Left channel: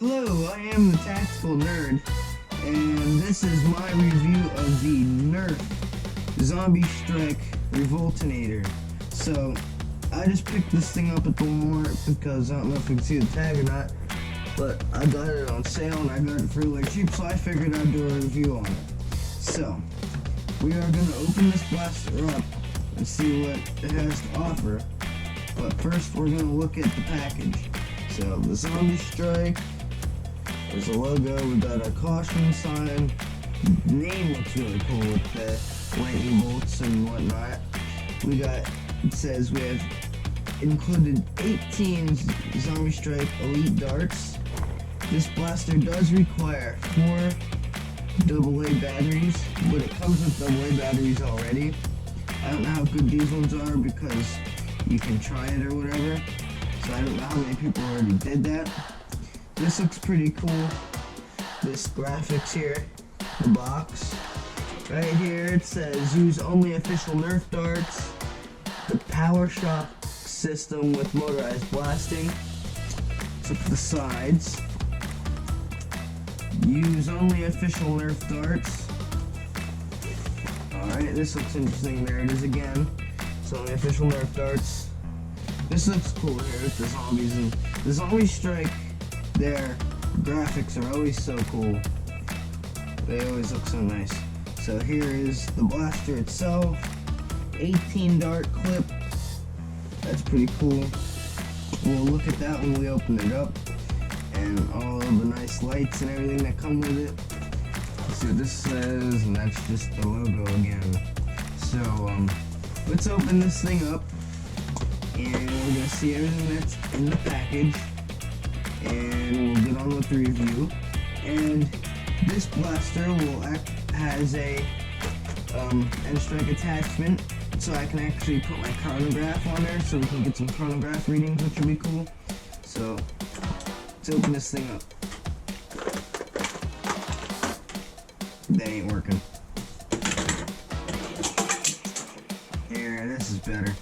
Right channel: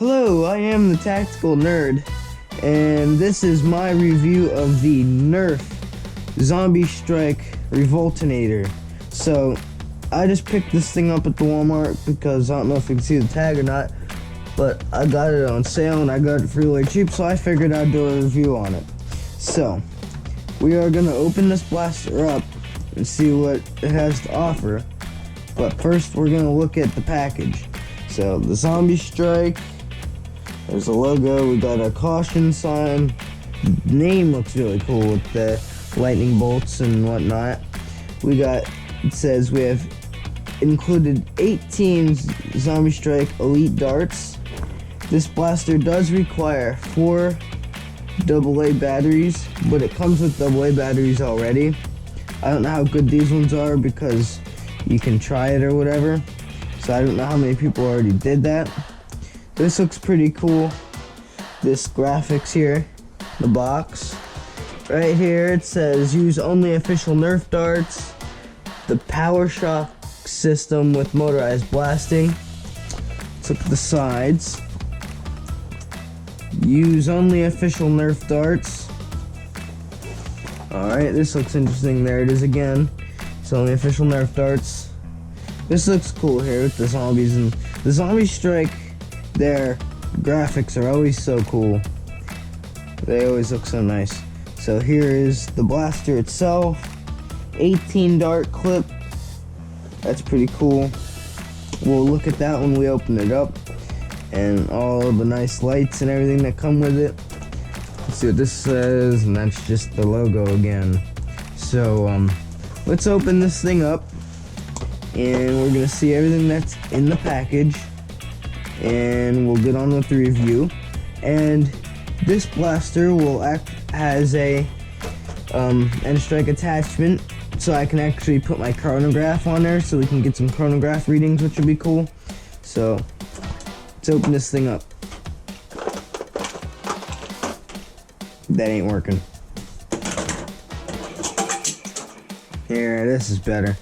Hello, I am the Tactical Nerd, and this is my review of the NERF Zombie Strike Revoltinator. So, I just picked this thing up at the Walmart because I don't know if you can see the tag or not, but I got it on sale and I got it for really cheap, so I figured I'd do a review on it. So, we are going to open this blaster up and see what it has to offer, but first we're going to look at the package. So, the Zombie Strike. There's a logo, we got a caution sign. Name looks really cool with the lightning bolts and whatnot. It says we have included 18 Zombie Strike Elite darts. This blaster does require 4 AA batteries, but it comes with AA batteries already. I don't know how good these ones are because you can try it or whatever. So I don't know how many people already did that. This looks pretty cool. This graphics here, the box. Right here it says use only official NERF darts. The power shock system with motorized blasting. Let's look at the sides. Use only official NERF darts. Alright, this looks interesting. There it is again. It's only official NERF darts. This looks cool here with the zombies, and the Zombie Strike, their graphics are always so cool. They always look so nice. So here is the blaster itself. 18 dart clip. That's pretty cool. We'll look at that when we open it up, and all the nice lights and everything that come with it. Let's see what this says, and that's just the logo again. So let's open this thing up, and we're gonna see everything that's in the package, and we'll get on with the review. And this blaster has a N-Strike attachment, so I can actually put my chronograph on there so we can get some chronograph readings, which would be cool. So let's open this thing up. That ain't working. Here, this is better.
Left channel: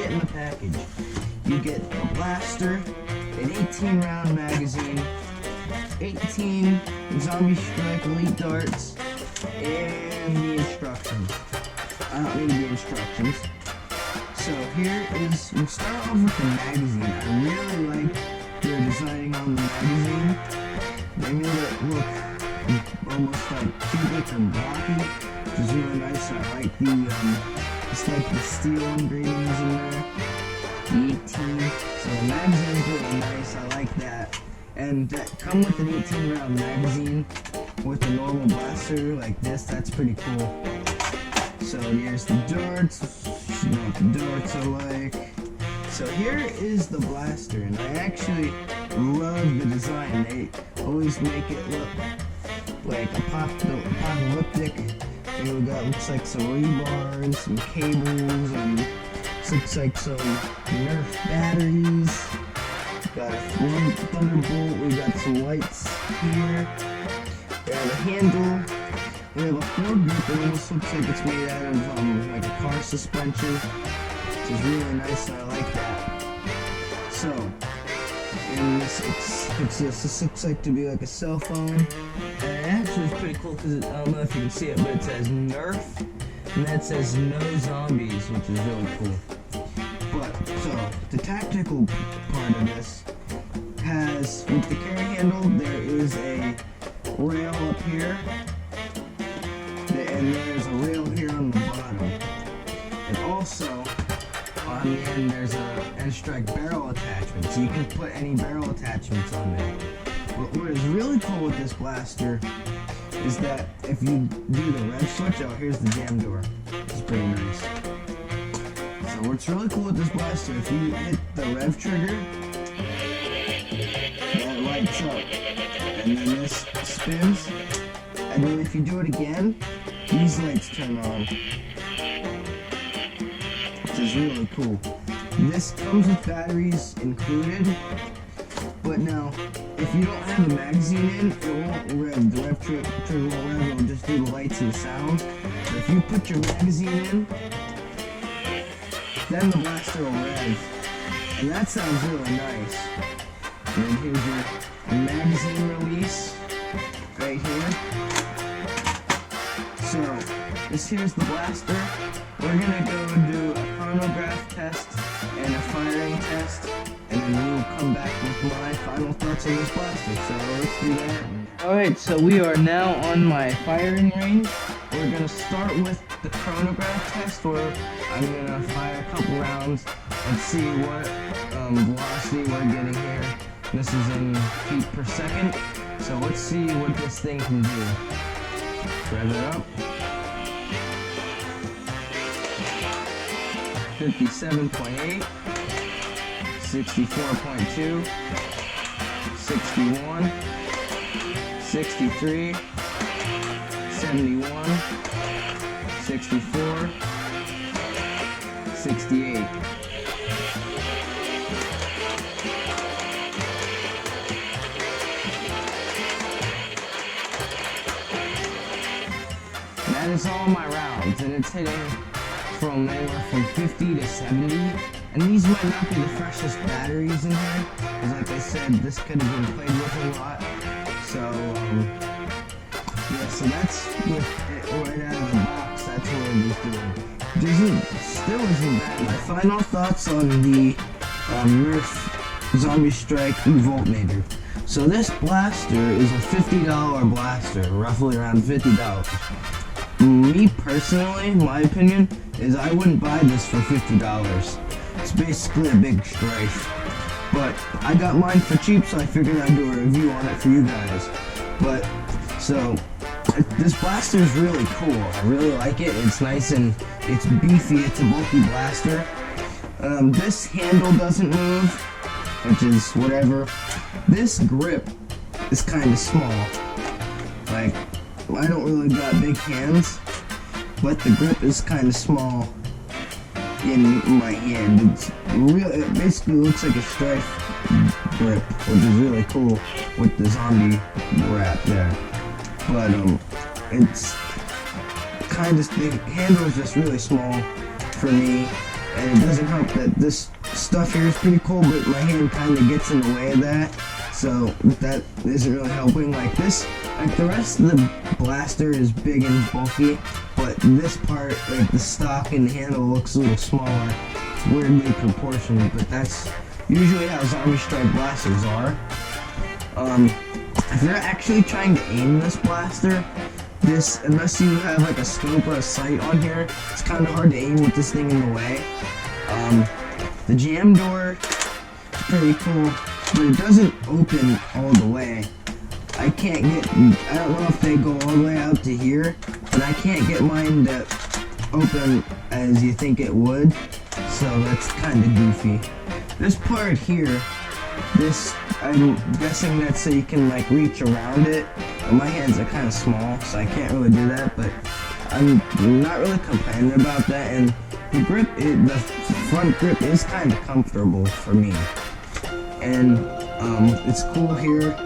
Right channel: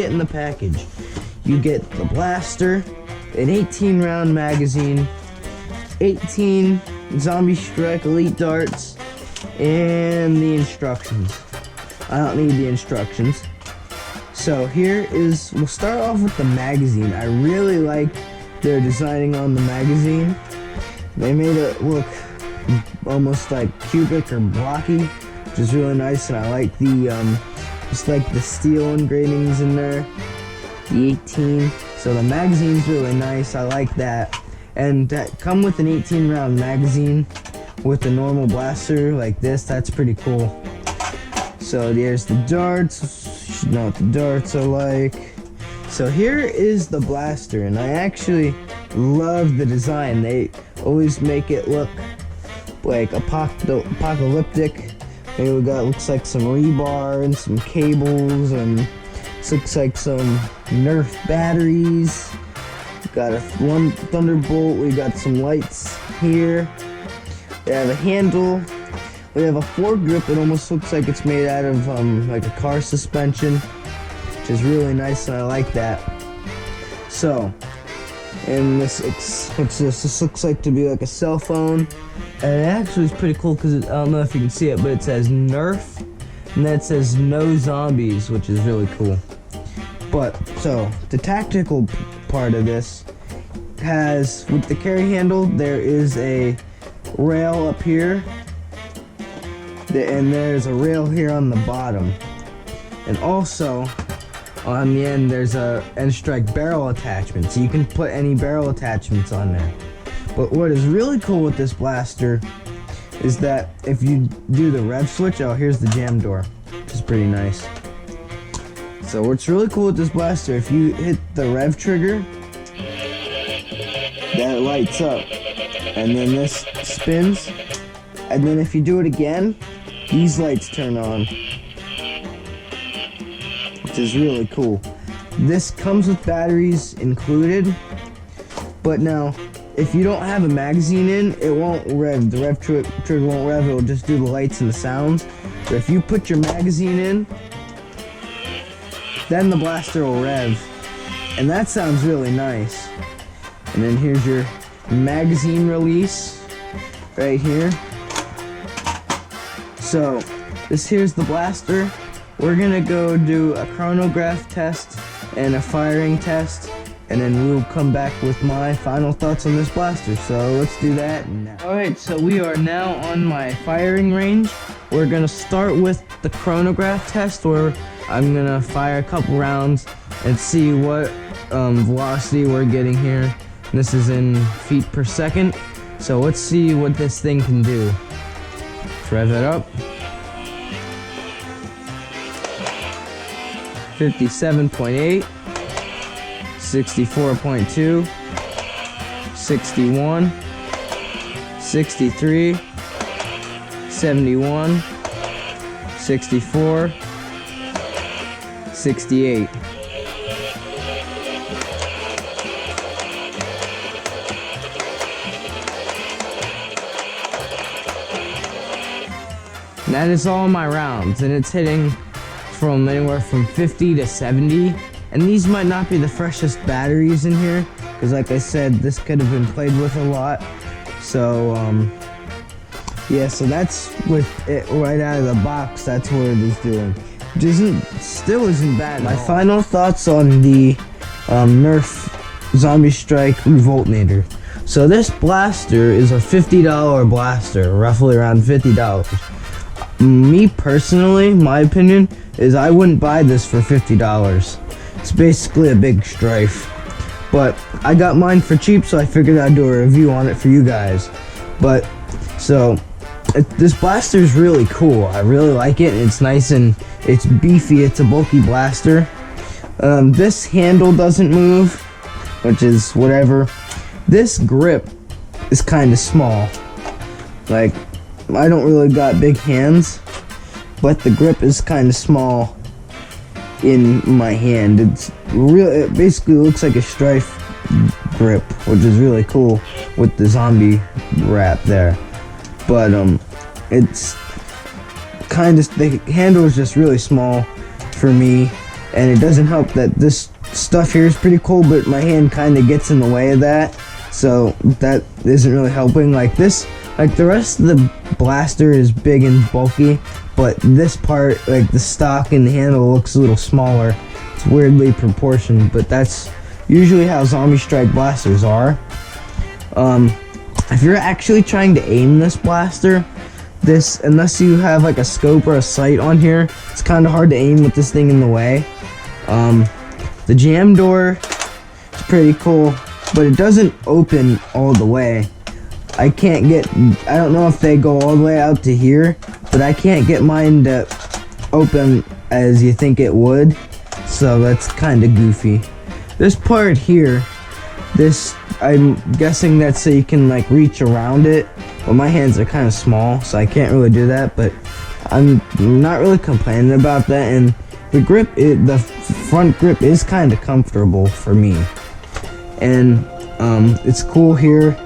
In the package, you get the blaster, an 18 round magazine, 18 Zombie Strike Elite darts, and the instructions. I don't need the instructions. So we'll start off with the magazine. I really like their designing on the magazine. They made it look almost like cubic or blocky, which is really nice, and I like just like the steel engravings in there, the 18. So the magazine's really nice. I like that. And that come with an 18 round magazine with a normal blaster like this. That's pretty cool. So there's the darts. You should know what the darts are like. So here is the blaster, and I actually love the design. They always make it look like apocalyptic. Here we got, looks like some rebar and some cables, and this looks like some NERF batteries. Got one thunderbolt. We got some lights here. We have a handle. We have a foregrip. It almost looks like it's made out of like a car suspension, which is really nice, and I like that. So, and this looks like to be like a cell phone. And it actually is pretty cool because I don't know if you can see it, but it says NERF, and that says no zombies, which is really cool. But so the tactical part of this has, with the carry handle, there is a rail up here, and there's a rail here on the bottom. And also, on the end there's a N-Strike barrel attachment, so you can put any barrel attachments on there. But what is really cool with this blaster is that if you do the rev switch, oh, here's the jam door, which is pretty nice. So what's really cool with this blaster, if you hit the rev trigger, then it lights up, and then this spins, and then if you do it again, these lights turn on, which is really cool. This comes with batteries included, but now if you don't have a magazine in, it won't rev. The rev trigger won't rev, it will just do the lights and the sounds. But if you put your magazine in, then the blaster will rev, and that sounds really nice. And then here's your magazine release right here. So this here's the blaster. We're gonna go do a chronograph test and a firing test, and then we'll come back with my final thoughts on this blaster. So let's do that now. Alright, so we are now on my firing range. We're gonna start with the chronograph test, where I'm gonna fire a couple rounds and see what velocity we're getting here. This is in feet per second. So let's see what this thing can do. Let's rev it up. 57.8, 64.2, 61, 63, 71, 64, 68. That is all my rounds, and it's hitting from anywhere from 50 to 70, and these might not be the freshest batteries in here, because like I said, this could have been played with a lot. So yeah, so that's with it right out of the box. That's what it is doing, which still isn't bad. My final thoughts on the NERF Zombie Strike Revoltinator. So this blaster is a $50 blaster, roughly around $50. Me personally, my opinion is I wouldn't buy this for $50. It's basically a big strife. But I got mine for cheap, so I figured I'd do a review on it for you guys. But, so, this blaster is really cool. I really like it. It's nice and it's beefy. It's a bulky blaster. This handle doesn't move, which is whatever. This grip is kind of small. Like, I don't really got big hands, but the grip is kind of small in my hand. It basically looks like a strife grip, which is really cool with the zombie wrap there. But it's kind of, the handle is just really small for me, and it doesn't help that this stuff here is pretty cool, but my hand kind of gets in the way of that, so that isn't really helping. Like this, like the rest of the blaster is big and bulky, but this part, like the stock and the handle, looks a little smaller. It's weirdly proportioned, but that's usually how Zombie Strike blasters are. If you're actually trying to aim this blaster, unless you have like a scope or a sight on here, it's kind of hard to aim with this thing in the way. The jam door is pretty cool, but it doesn't open all the way. I don't know if they go all the way out to here, but I can't get mine to open as you think it would, so that's kind of goofy. This part here, I'm guessing that's so you can like reach around it, but my hands are kind of small, so I can't really do that, but I'm not really complaining about that, and the grip, the front grip is kind of comfortable for me, and it's cool here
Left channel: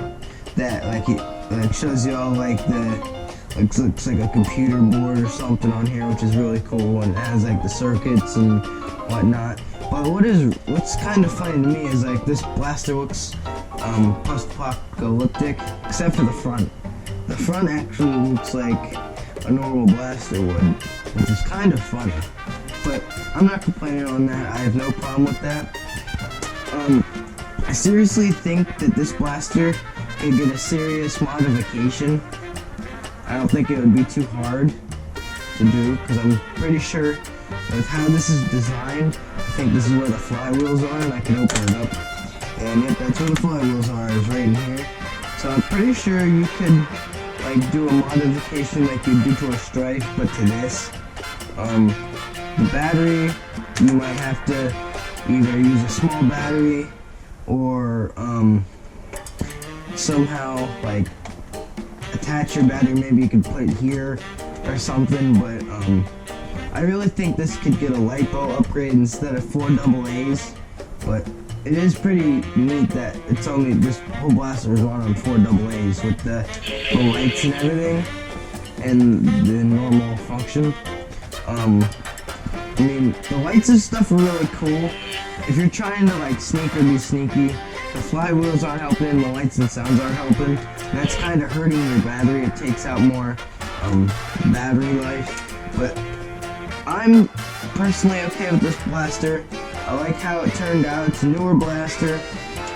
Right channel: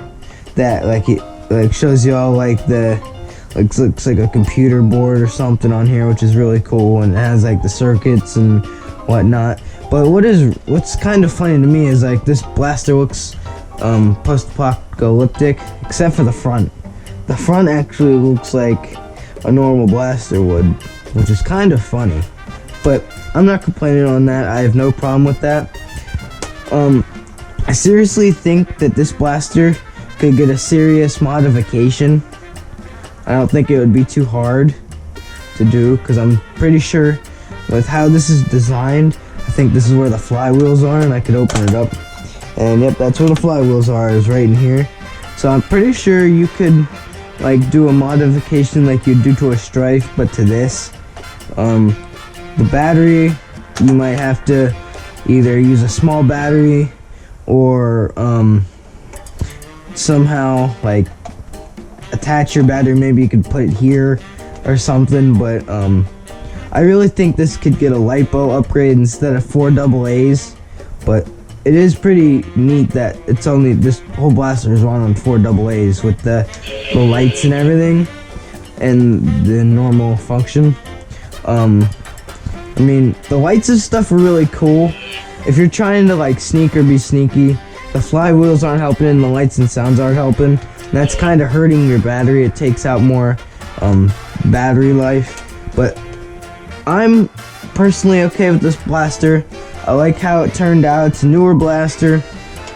that like it like shows you all like looks like a computer board or something on here, which is really cool, and it has like the circuits and whatnot. But what's kind of funny to me is like this blaster looks post-apocalyptic, except for the front. The front actually looks like a normal blaster would, which is kind of funny. But I'm not complaining on that. I have no problem with that. I seriously think that this blaster could get a serious modification. I don't think it would be too hard to do, because I'm pretty sure with how this is designed, think this is where the flywheels are, and I could open it up. And yep, that's where the flywheels are, is right in here. So I'm pretty sure you could like do a modification like you'd do to a Strife, but to this. The battery, you might have to either use a small battery or somehow like attach your battery. Maybe you could put it here or something, but I really think this could get a LiPo upgrade instead of 4 AA's, but it is pretty neat that it's only, this whole blaster is run on 4 AA's with the lights and everything and the normal function. I mean, the lights and stuff are really cool. If you're trying to like sneak or be sneaky, the flywheels aren't helping and the lights and sounds aren't helping. That's kind of hurting your battery. It takes out more battery life, but I'm personally okay with this blaster. I like how it turned out. It's a newer blaster.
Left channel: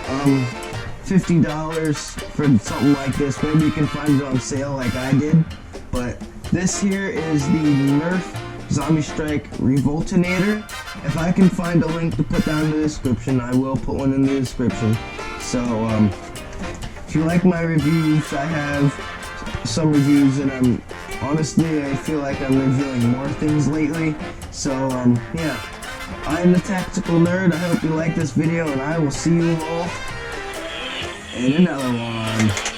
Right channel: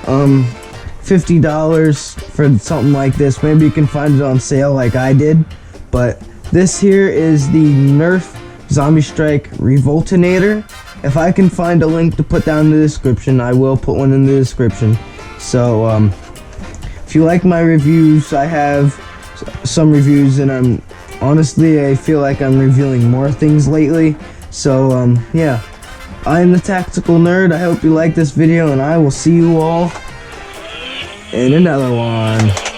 $50 for something like this. Maybe you can find it on sale like I did. But this here is the NERF Zombie Strike Revoltinator. If I can find a link to put down in the description, I will put one in the description. So if you like my reviews, I have some reviews, and honestly I feel like I'm reviewing more things lately. So yeah, I'm the Tactical Nerd. I hope you like this video, and I will see you all in another one.